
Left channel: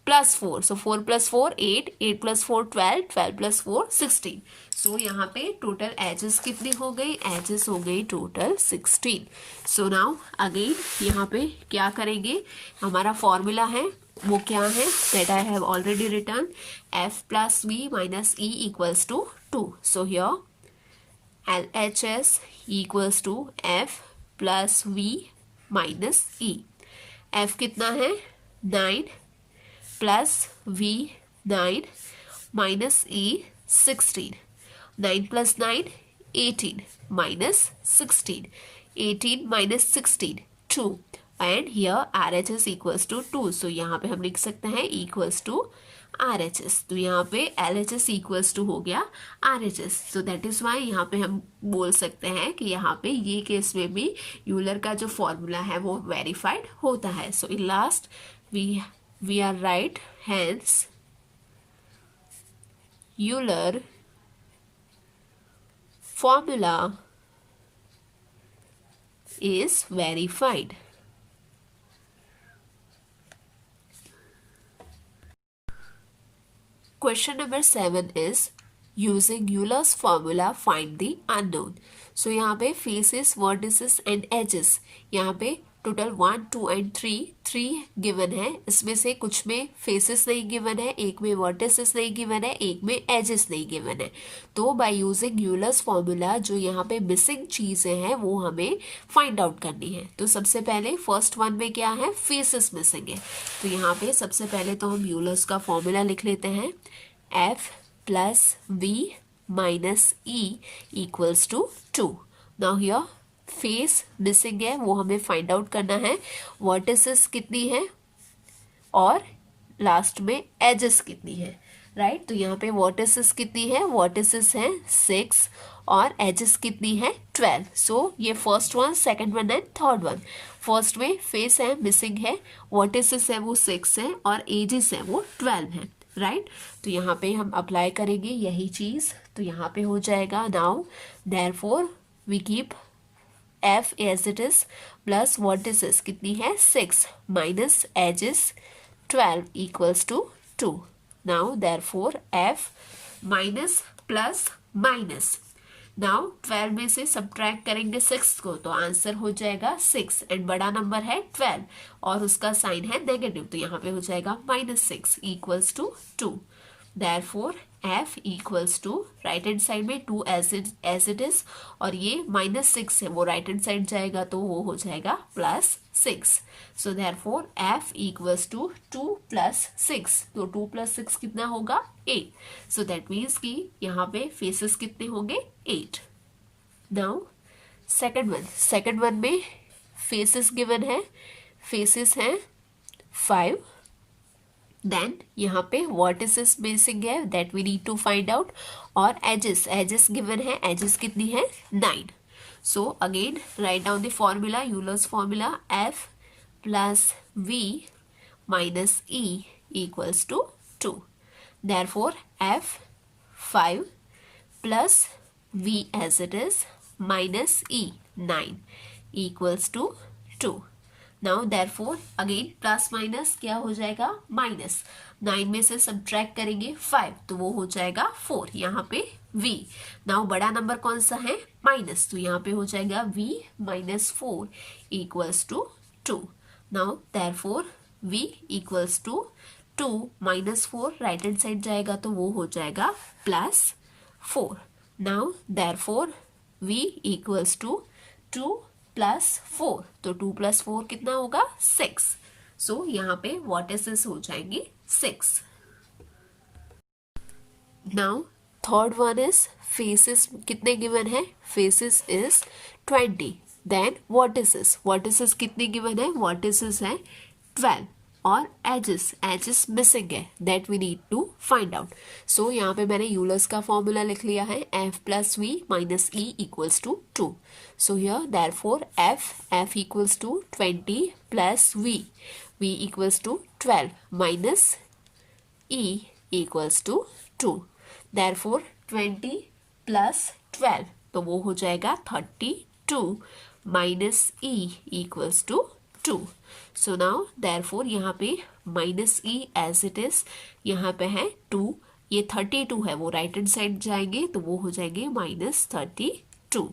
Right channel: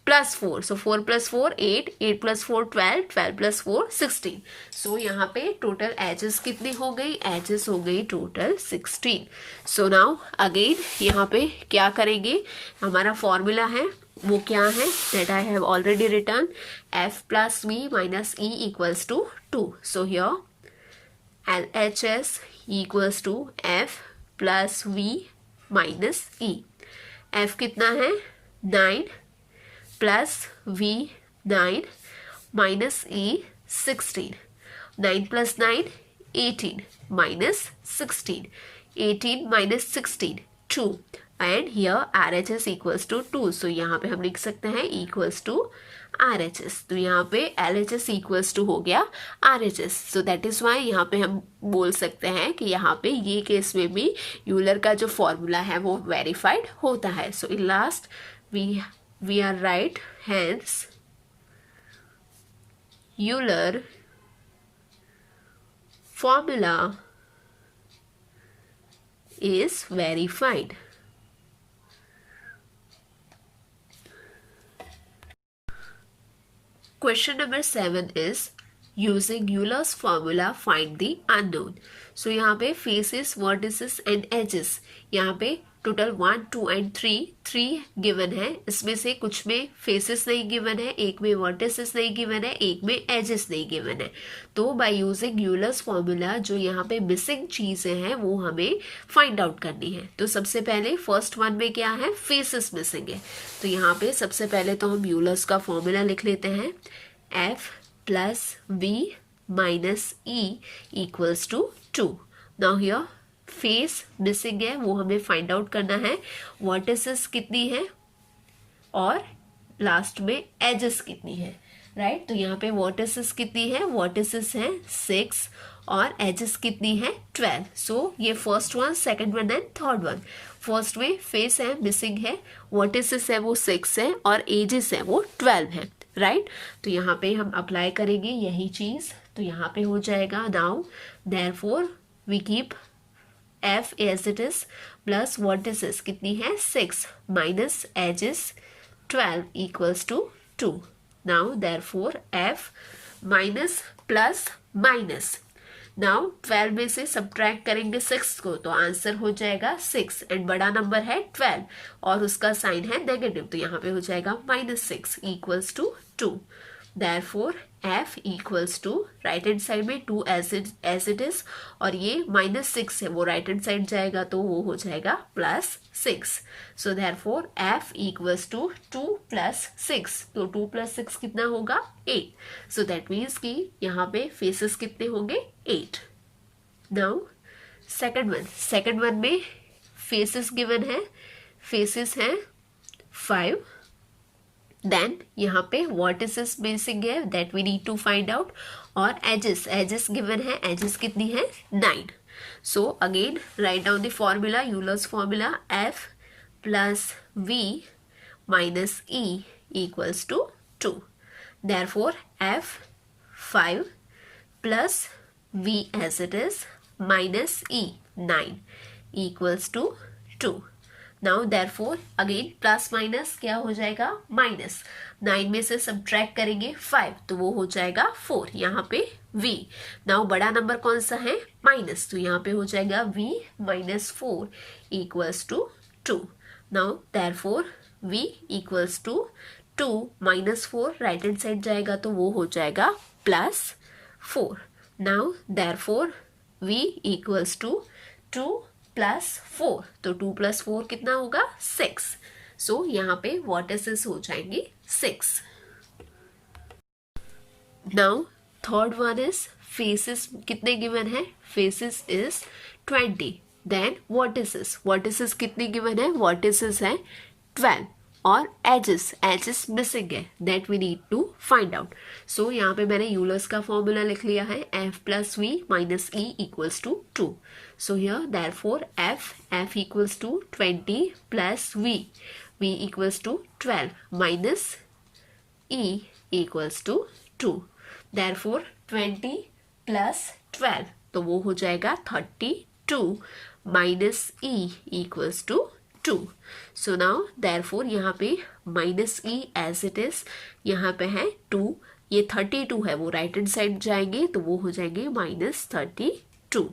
+ 4, सो 4 + 4 8, 8 + 4 12, 12 + 4 16। सो यहाँ पे टोटल एजेस कितनी हो गई? एजेस हो गई टोटल 16। सो नाउ अगेन यहाँ पे क्या करेंगे? हमारा फॉर्मूला है वो क्या है? That I have already return f + v - e = 2। So here LHS = f + v - e। f कितना है? 9 + v 9 - e 16। 9 + 9 18 - 16, 18 - 16 2 and here RHS = 2। सो यहाँ पे हम लिख सकते हैं = RHS। तो यहाँ पे LHS = हो गया RHS। So that is why यहाँ पे हम बोल सकते हैं कि यहाँ पे ये केस में भी यूलर का जो फॉर्मूला है वो वेरीफाइड होता है। So in last we are right, hence Euler formula is verified. Question number 7 is using Euler's formula find the unknown. So यहाँ पे faces, vertices and edges, यहाँ पे टोटल 1, 2 एंड 3 गिवन है। इसमें से कुछ में फेसेस नहीं गिवन है, एक में वर्टिसेस नहीं गिवन है, एक में एजेस नहीं गिवन है। तो बाय यूजिंग यूलर्स फॉर्मूला जो यहाँ पे मिसिंग चीजें हैं वो हमें फाइंड आउट करनी है। तो सबसे पहले फर्स्ट वन में क्या है? फेसेस मिसिंग है। तो यहाँ पे सबसे पहले तो हम यूलर्स का फॉर्मूला लिख लेते हैं f + v - e = 2। Now here face missing है वो हमें फाइंड आउट करना है। वर्टिसेस कितनी है और लास्ट में एजेस कितनी है, राइट? तो यहाँ पे वर्टिसेस कितनी है? वर्टिसेस है 6 और एजेस कितनी है? 12। सो ये first one, second one and third one. First में फेस है मिसिंग है, वर्टिसेस है वो 6 है और एजेस है वो 12 है, राइट? तो यहाँ पे हम अप्लाई करेंगे यही चीज। तो यहाँ पे हो जाएगा now therefore we keep f as it is plus vertices कितनी है? 6 minus edges 12 = 2। now therefore f minus plus minus, now 12 में से सब्ट्रैक्ट करेंगे 6 को तो आंसर हो जाएगा 6 एंड बड़ा नंबर है 12 और उसका साइन है नेगेटिव। तो यहाँ पे हो जाएगा -6 = 2। therefore f = right hand side में 2 एज इट इज और ये -6 है वो राइट हैंड साइड जाएगा तो वो हो जाएगा +6। सो therefore f = 2 + 6। तो 2 + 6 कितना होगा? 8। सो दैट मीन्स कि यहाँ पे फेसेस कितने होंगे? 8। नाउ सेकंड वन में फेसेस गिवन है, फेसेस हैं 5। देन यहाँ पे वर्टिसेस मिसिंग है that we need to find out और एजेस गिवन है, एजेस कितनी है? 9। So again write down the formula, Euler's formula f + v - e = 2। therefore f 5 + v as it is - e 9 = 2। Now therefore again plus minus क्या हो जाएगा? -9 में से subtract करेंगे 5 तो वो हो जाएगा 4। यहाँ पे v, नाउ बड़ा नंबर कौन सा है? माइनस, तो यहाँ पे हो जाएगा v - 4 = 2। Now therefore v = 2 - 4 right hand side जाएगा तो वो हो जाएगा +4। नाउ देयरफॉर v = 2 + 4 तो 2 + 4 कितना होगा? 6। सो यहाँ पे वर्टिसेस हो जाएंगे 6। Now third one is faces कितने गिवन है? Faces is 20। देन वर्टिसेस कितने गिवन है? वर्टिसेस है 12 और एजेस मिसिंग है, that we need to find out. So यहाँ पे मैंने यूलर्स का फॉर्मूला लिख लिया है, F plus V minus E equals to 2. So here therefore F equals to 20 plus V equals to 12 minus E equals to 2. Therefore 20 plus 12 तो वो हो जाएगा 32 minus E equals to 2. So now therefore यहाँ पे minus E as it is, यहाँ पे है 2, ये 32 है, वो राइट हैंड साइड जाएंगे तो वो हो जाएंगे माइनस 32.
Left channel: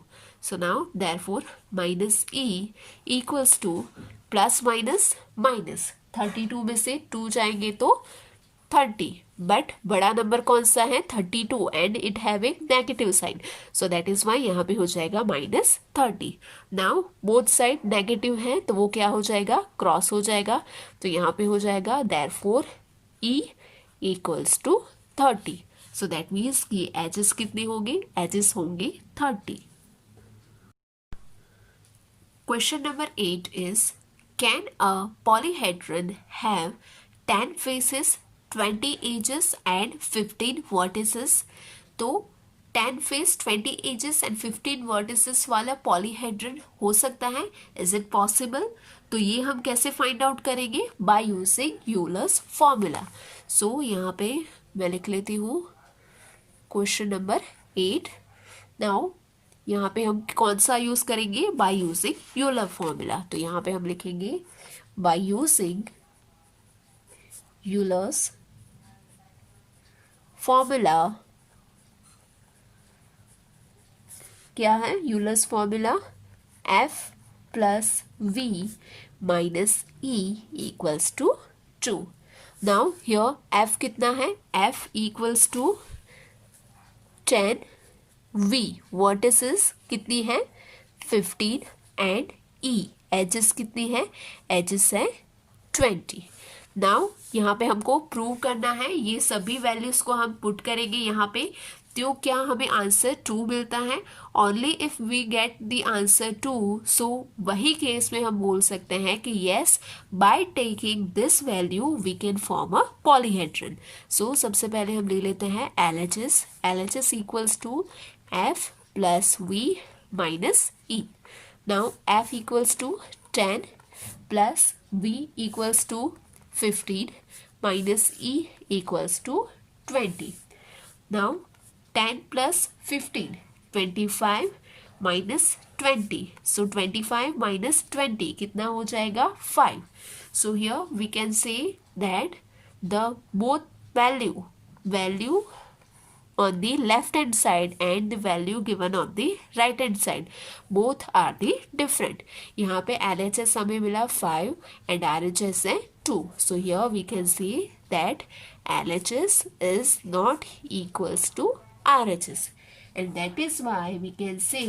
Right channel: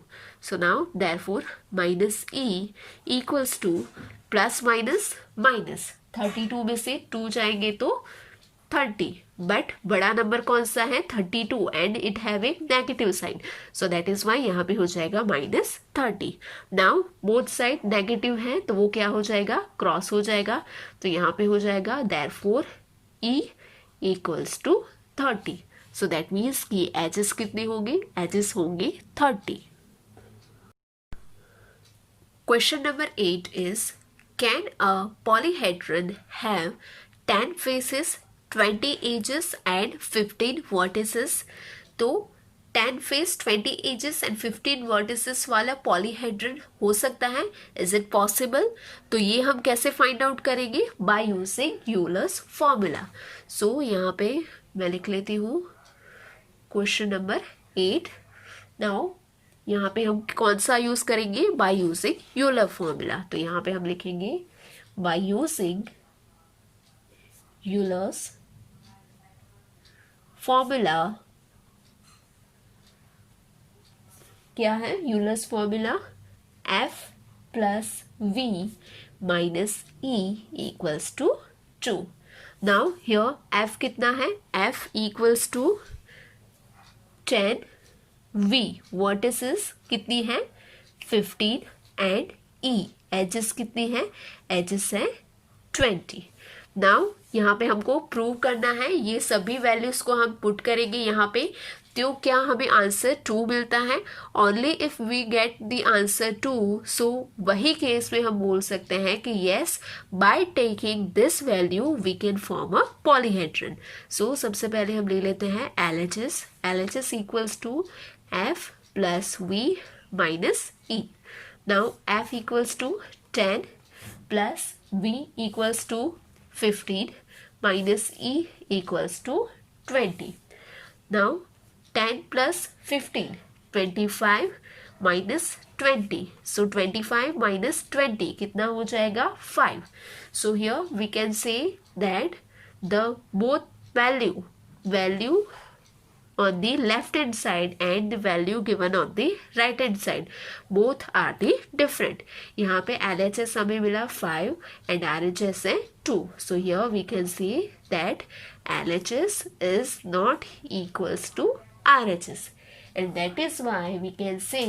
सो now therefore minus E equals two plus minus minus, 32 में से 2 जाएंगे तो 30, बट बड़ा नंबर कौन सा है 32 and it have a negative sign, so that is why यहाँ पे हो जाएगा minus 30. Now both side negative है तो वो क्या हो जाएगा, क्रॉस हो जाएगा, तो यहाँ पे हो जाएगा therefore E equals to 30. So that means कि एजेस कितने होंगे, एजेस होंगे 30. Question number 8 is can a polyhedron have 10 faces 20 edges and 15 vertices. तो 10 फेस 20 एजेस एंड 15 वर्टिसेस वाला पॉलीहेड्रन हो सकता है, इज इट पॉसिबल? तो ये हम कैसे फाइंड आउट करेंगे, बाय यूजिंग यूलर्स फॉर्मूला. सो यहाँ पे मैं लिख लेती हूँ क्वेश्चन नंबर 8. नाउ यहाँ पे हम कौन सा यूज करेंगे, बाय यूजिंग यूलर फॉर्मूला. तो यहाँ पे हम लिखेंगे बाय यूजिंग यूलर्स फॉर्मूला. क्या है Euler's formula, F plus V minus E equals to 2. Now here F कितना है, F equals to 10, V vertices कितनी है 15 एंड ई एजेस कितनी है, एजेस है 20. नाउ यहाँ पे हमको प्रूव करना है, ये सभी वैल्यूज को हम पुट करेंगे यहाँ पे, तो क्या हमें आंसर 2 मिलता है. Only if we get the answer 2, so वही केस में हम बोल सकते हैं कि yes by taking this value we can form a polyhedron. So सबसे पहले हम ले लेते हैं LHS equals to F plus V minus E. Now F equals to 10 plus V equals to 15 minus E equals to 20. Now 10 plus 15, 25 minus 20. So 25 minus 20 कितना हो जाएगा 5. So here we can say that the both value on the left hand side and the value given on the right hand side both are the different. यहाँ पे LHS हमें मिला 5 and RHS है 2. So here we can see that LHS is not equals to RHS, and that is why we can say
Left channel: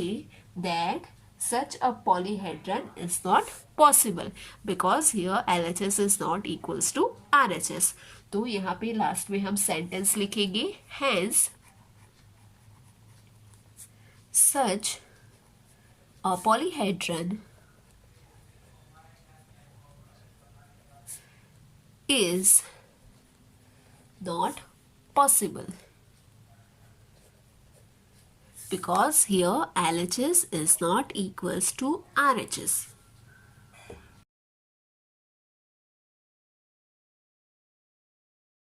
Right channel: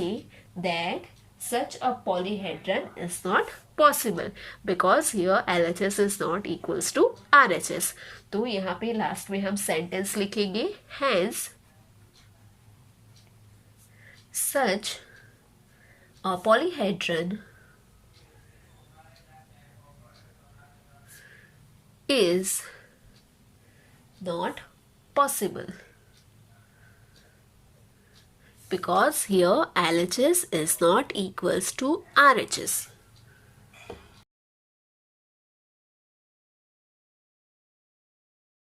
that such a polyhedron is not possible because here LHS is not equals to RHS. तो यहाँ पे last में हम sentence लिखेंगे, hence such a polyhedron is not possible because here LHS is not equals to RHS.